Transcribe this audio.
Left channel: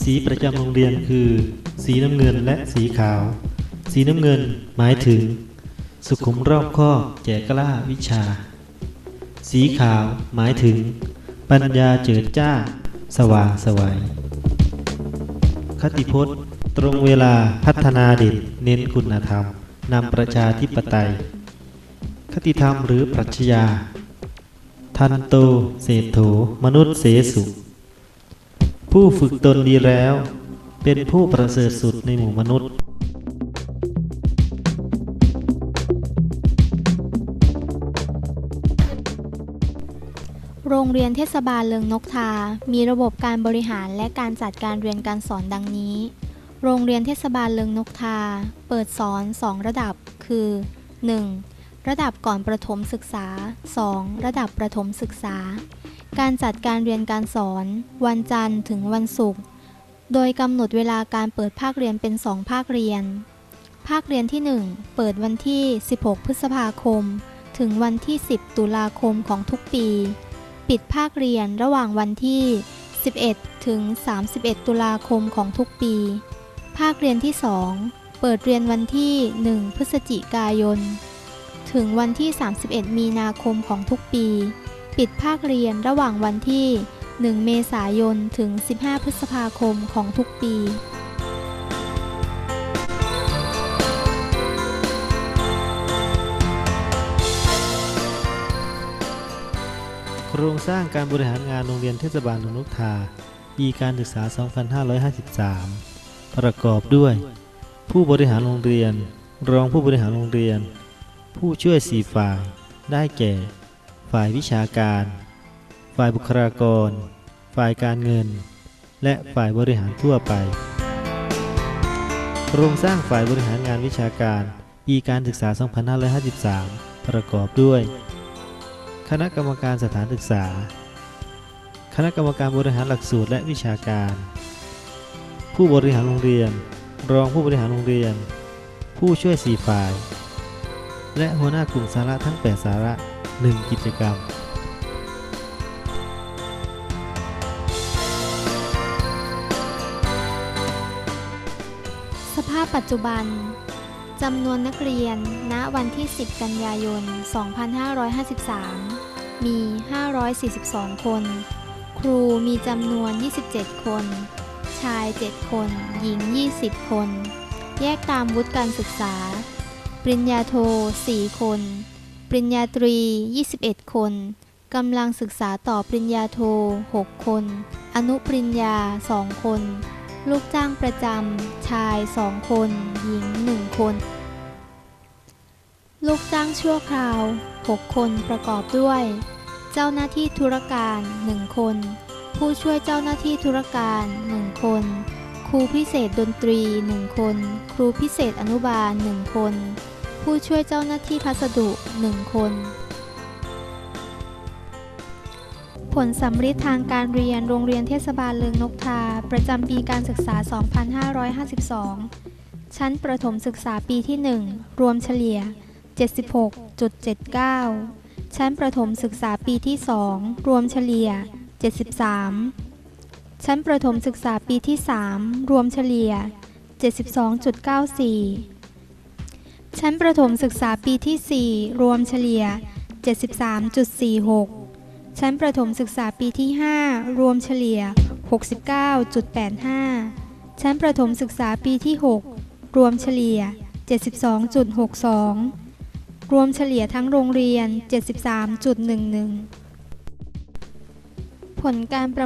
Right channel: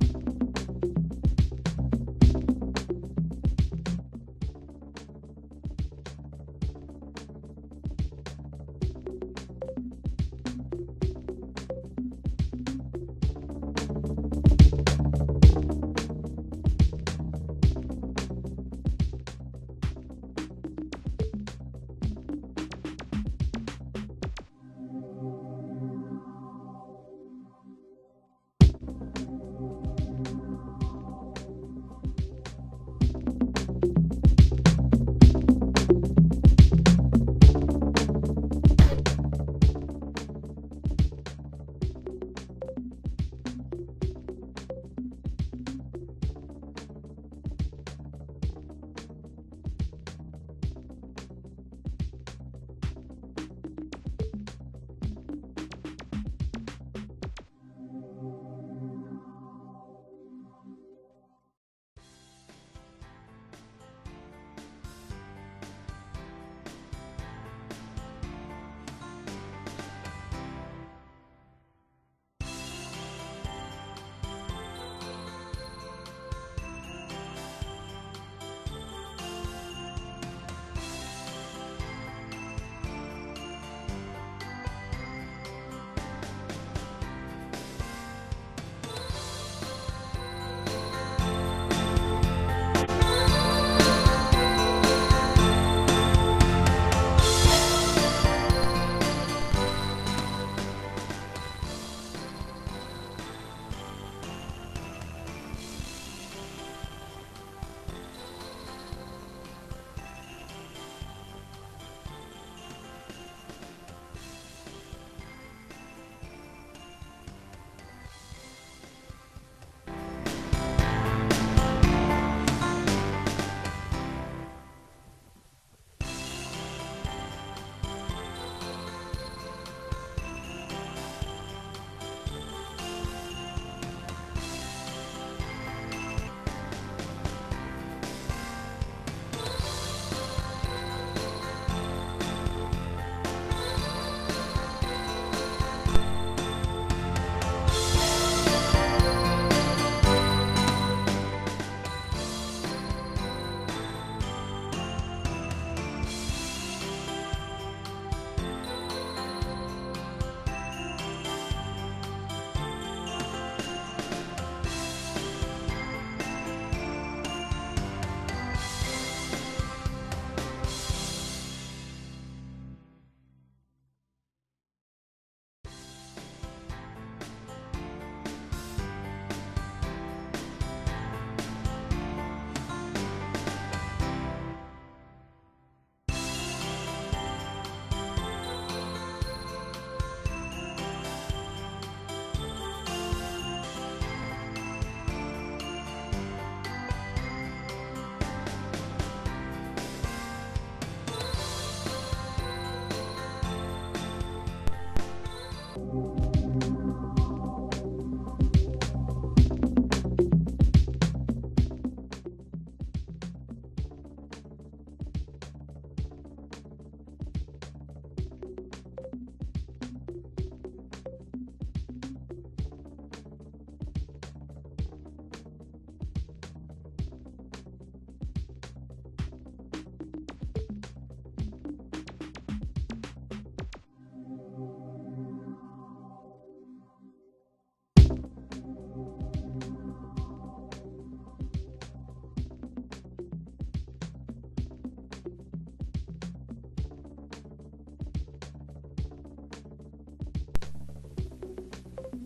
สีประจำโรงเรียนคือ สีน้ำเงินและสีขาว สีน้ำเงินหมายถึง สุขุมรอบคอบแจกกล้าวิชา สีขาวหมายถึง ปัญญาเจิดจ้า สว่างสวัยคติพจน์ ตรงเวลาพัฒนาเด่นเน้นคุณธรรมนำประชาธิปไตย คติธรรมหรือปรัชญา ทันโตเศรษโถมนุษย์เสสุ ผู้ฝึกตนดีแล้ว เป็นผู้ประเสริฐสุดในหมู่มนุษย์โรงเรียนเทศบาลเลิงนกทา มีระบบการบริหารและการจัดการเรียนการสอนดังนี้ โรงเรียนเทศบาลเลิงนกทา เปิดสอน 2 ระดับ คือ 1. ระดับก่อนประถมศึกษา 2. ระดับประถมศึกษา การจัดการเรียนการสอน วันจันทร์ถึงวันศุกร์ โดยกำหนดเวลาการเปิดภาคเรียนเป็น 2 ภาคเรียน ภาคเรียนที่ 1 เปิดวันที่ 16 พฤษภาคม ถึงวันที่ 10 ตุลาคมของทุกปี ปิดภาคเรียนระหว่างวันที่ 11 ถึง 31 ตุลาคมของทุกปี ภาคเรียนที่ 2 เปิดเรียนวันที่ 1 พฤศจิกายน ถึงวันที่ 31 มีนาคมของทุกปี ปิดภาคเรียนระหว่างวันที่ 1 เมษายน ถึง 15 พฤษภาคมของทุกปีโครงสร้างการบริหารงานโรงเรียนเทศบาลเมือนกทาปีการศึกษา 2553 ประกอบด้วย ผู้บริหารโรงเรียน รองผู้บริหารโรงเรียน ผู้ช่วยสี่ฝ่าย ได้แก่ ฝ่ายวิชาการ ฝ่ายบุคลากร ฝ่ายการเงิน และฝ่ายบริหารทั่วไป โครงสร้างฝ่ายบริหารงานวิชาการปีการศึกษา 2553 ประกอบด้วย คณะกรรมการสถานศึกษา คณะกรรมการบริหารหลักสูตรและวิชาการ ผู้บริหารโรงเรียน รองผู้บริหารโรงเรียน ผู้ช่วยสี่ฝ่าย และหัวหน้ากลุ่มสาระทั้ง 8 สาระ 1 กิจกรรมสภาพปัจจุบันจำนวนนักเรียน ณ วันที่ 10 กันยายน 2553 มี 542 คน ครูมีจำนวน 27 คน ชาย 7 คน หญิง 20 คน แยกตามวุฒิการศึกษา ปริญญาโท 4 คน ปริญญาตรี 21 คน กำลังศึกษาต่อปริญญาโท 6 คน อนุปริญญา 2 คน ลูกจ้างประจำ ชาย 2 คน หญิง 1 คน ลูกจ้างชั่วคราว 6 คนประกอบด้วย เจ้าหน้าที่ธุรการ 1 คน ผู้ช่วยเจ้าหน้าที่ธุรการ 1 คน ครูพิเศษดนตรี 1 คน ครูพิเศษอนุบาล 1 คน ผู้ช่วยเจ้าหน้าที่พัสดุ 1 คน ผลสำริดทางการเรียนโรงเรียนเทศบาลเลืองนกทา ประจำปีการศึกษา 2552 ชั้นประถมศึกษาปีที่ 1 รวมเฉลี่ย 76.79 ชั้นประถมศึกษาปีที่ 2 รวมเฉลี่ย 73 ชั้นประถมศึกษาปีที่ 3 รวมเฉลี่ย 72.94 ชั้นประถมศึกษาปีที่ 4 รวมเฉลี่ย 73.46 ชั้นประถมศึกษาปีที่ 5 รวมเฉลี่ย 69.85 ชั้นประถมศึกษาปีที่ 6 รวมเฉลี่ย 72.62 รวมเฉลี่ยทั้งโรงเรียน 73.11 ผลการประ